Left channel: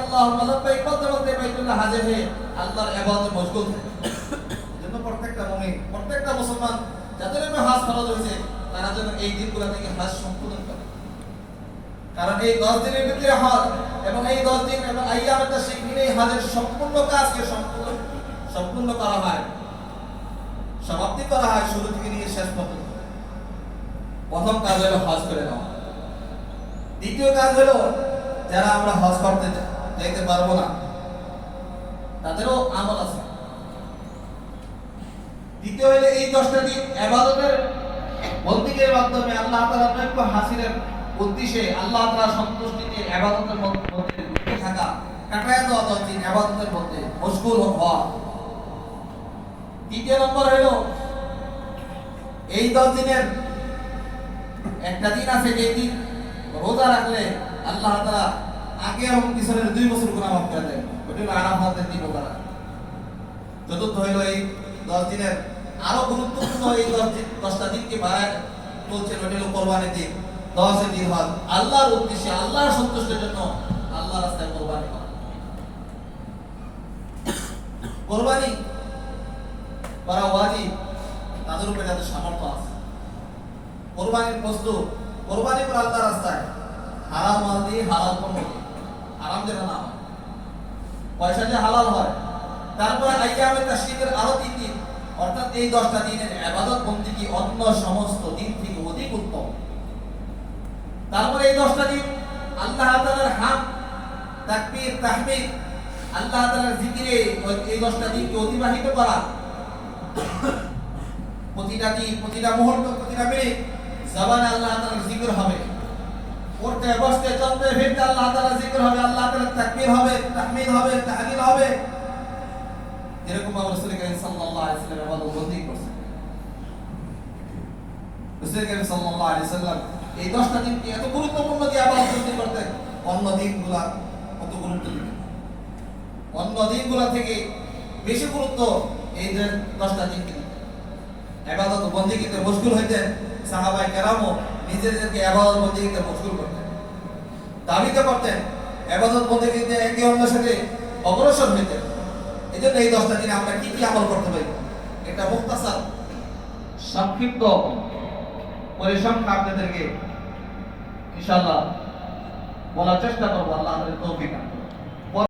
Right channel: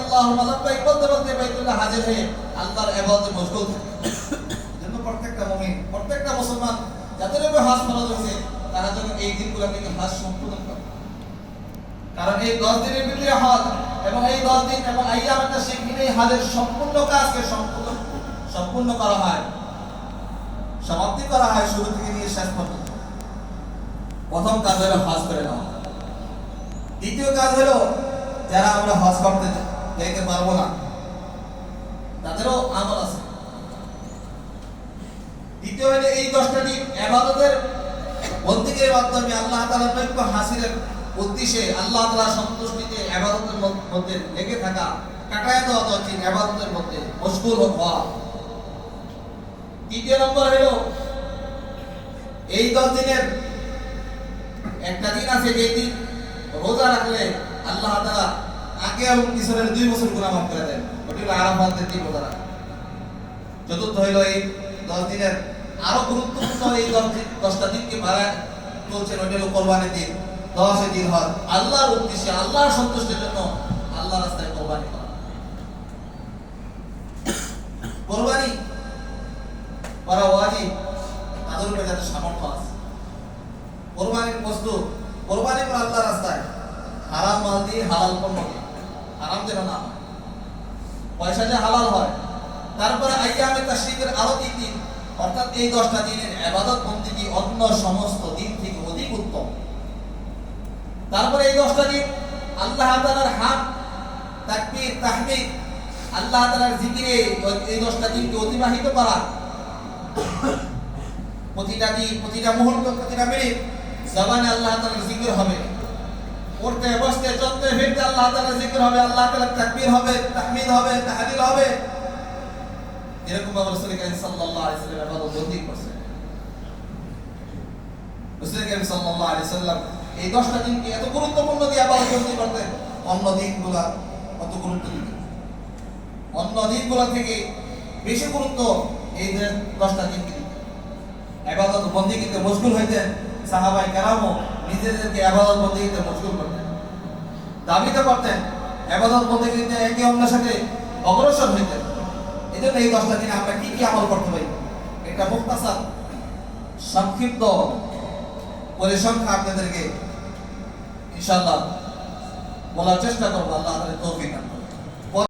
আল্লাহুম্মা লাব্বাইক বলতে বলতে বাইতুল্লাহ হাজির হয়ে আল্লাহর ইবাদতে মশগুল থাকে। এজন্য প্রত্যেকটা মুমিন, প্রত্যেকটা মুসলমান যাদের উপর হজ ফরজ হয়েছে তারা যেন এই দিনগুলো থেকে হজ সম্পূর্ণ করে। কারণ এই 10 দিনের ভিতরে হজ এবং এই 10 দিন এবং আইয়ামে তাশরিক মিলে হজের সম্পূর্ণ কাজকে সম্পূর্ণ করা হয়, সমাপ্তি করা হয় শুরু থেকে নিয়ে শেষ পর্যন্ত। প্রথম কাজ হলো হজ করে নেওয়া। দ্বিতীয় কাজ হলো যারা আমরা হজ করতে যেতে পারবো না তাদেরও আমল আছে। দ্বিতীয় হলো এই 10টা দিন ইবাদতের বন্দেগীর মাধ্যমে আল্লাহ তাআলার নৈকট্য হাসিলের উদ্দেশ্যে আল্লাহ তাআলার সন্তুষ্টিতে ইবাদতের মধ্যে লেগে থাকা, কাটায় দেওয়া উচিত, ইবাদতের মধ্যে মশগুল হওয়া। তৃতীয় নম্বর হলো এই 10 দিনের একটা দিন আছে যে দিন রোজা রাখলে আল্লাহ তাআলা আগে এবং পিছনের 2 বছর গুনাহ মাফ করে দেন। ওটি হলো আরাফাতের দিন রোজা রাখা। চতুর্থ হলো এই 10 দিনের আরো গুরুত্বপূর্ণ এই 10টা দিনকে বাড়ায় বলছেন ওটি হলো কোরবানির দিন। 10 দিন হজ আল্লাহর উদ্দেশ্যে, আল্লাহর সন্তুষ্টির জন্য আল্লাহর রাস্তায় কোরবানি করা। কোরবানি করা ওয়াজিব তাদের উপরে যাদের সামর্থ্য আছে। কোরবানির বস্তু কোরবানি করে আল্লাহর রাস্তায় হারাম মাল দিয়ে, হালাল পণ্য দিয়ে, হারাম যেন না হয়, পয়সা যে হালাল হয়। তারপরে আইয়ামে তাশরিকের আরো 3 দিন, অর্থাৎ এই 10টা দিনের ইবাদত বন্দেগী অন্য সমস্ত দিন থেকে অধিক উত্তম। তারপরে এই 10টা দিন আল্লাহ তাআলার হামদ, তাকবীর, তাহমিদ, আল্লাহ তাআলার জিকিরে এই 10টা দিনকে অতিবাহিত করা। প্রতিটা দিন, প্রতিটা মুহূর্ত, প্রতিটা মিনিট জবানে আল্লাহ তাআলার জিকির হবে। উঠতে বসতে চলতে ফিরতে আল্লাহ তাআলার জিকির হবে, আল্লাহ তাআলার তাকবীর হবে, তাহমিদ হবে, তাহলিল হবে। এরকম আমরা রাসূল করিম সাল্লাল্লাহু আলাইহি ওয়াসাল্লাম ইবাদত বন্দেগী করছেন। রাসূল করিম সাল্লাল্লাহু আলাইহি ওয়াসাল্লাম এই 10টা দিনকে এত গুরুত্বপূর্ণ দিয়ে ইবাদত বন্দেগী করতেন। অন্য দিনগুলা কত গুরুত্ব দিতেন, অন্য দিনগুলা থেকে বেশি গুরুত্ব এই 10টা দিনকে দিতেন। ইবাদত বন্দেগীতে মশগুল হইতেন। সাহাবায়ে কেরামও নিজেদেরকে ইবাদত বন্দেগীতে মশগুল করতেন, দাবিত করতেন, ইবাদত বন্দেগীতে একে অন্যের সাথে অগ্রসর হইতেন। এজন্য এই 10টা দিনে আমরা কি কি আমল করতে পারি এটা মুখতাসার সংক্ষিপ্ত পরিসংখ্যা আপনাদেরকে ইনশাআল্লাহ বলার চেষ্টা করব। আল্লাহ আমাদের তৌফিক দান।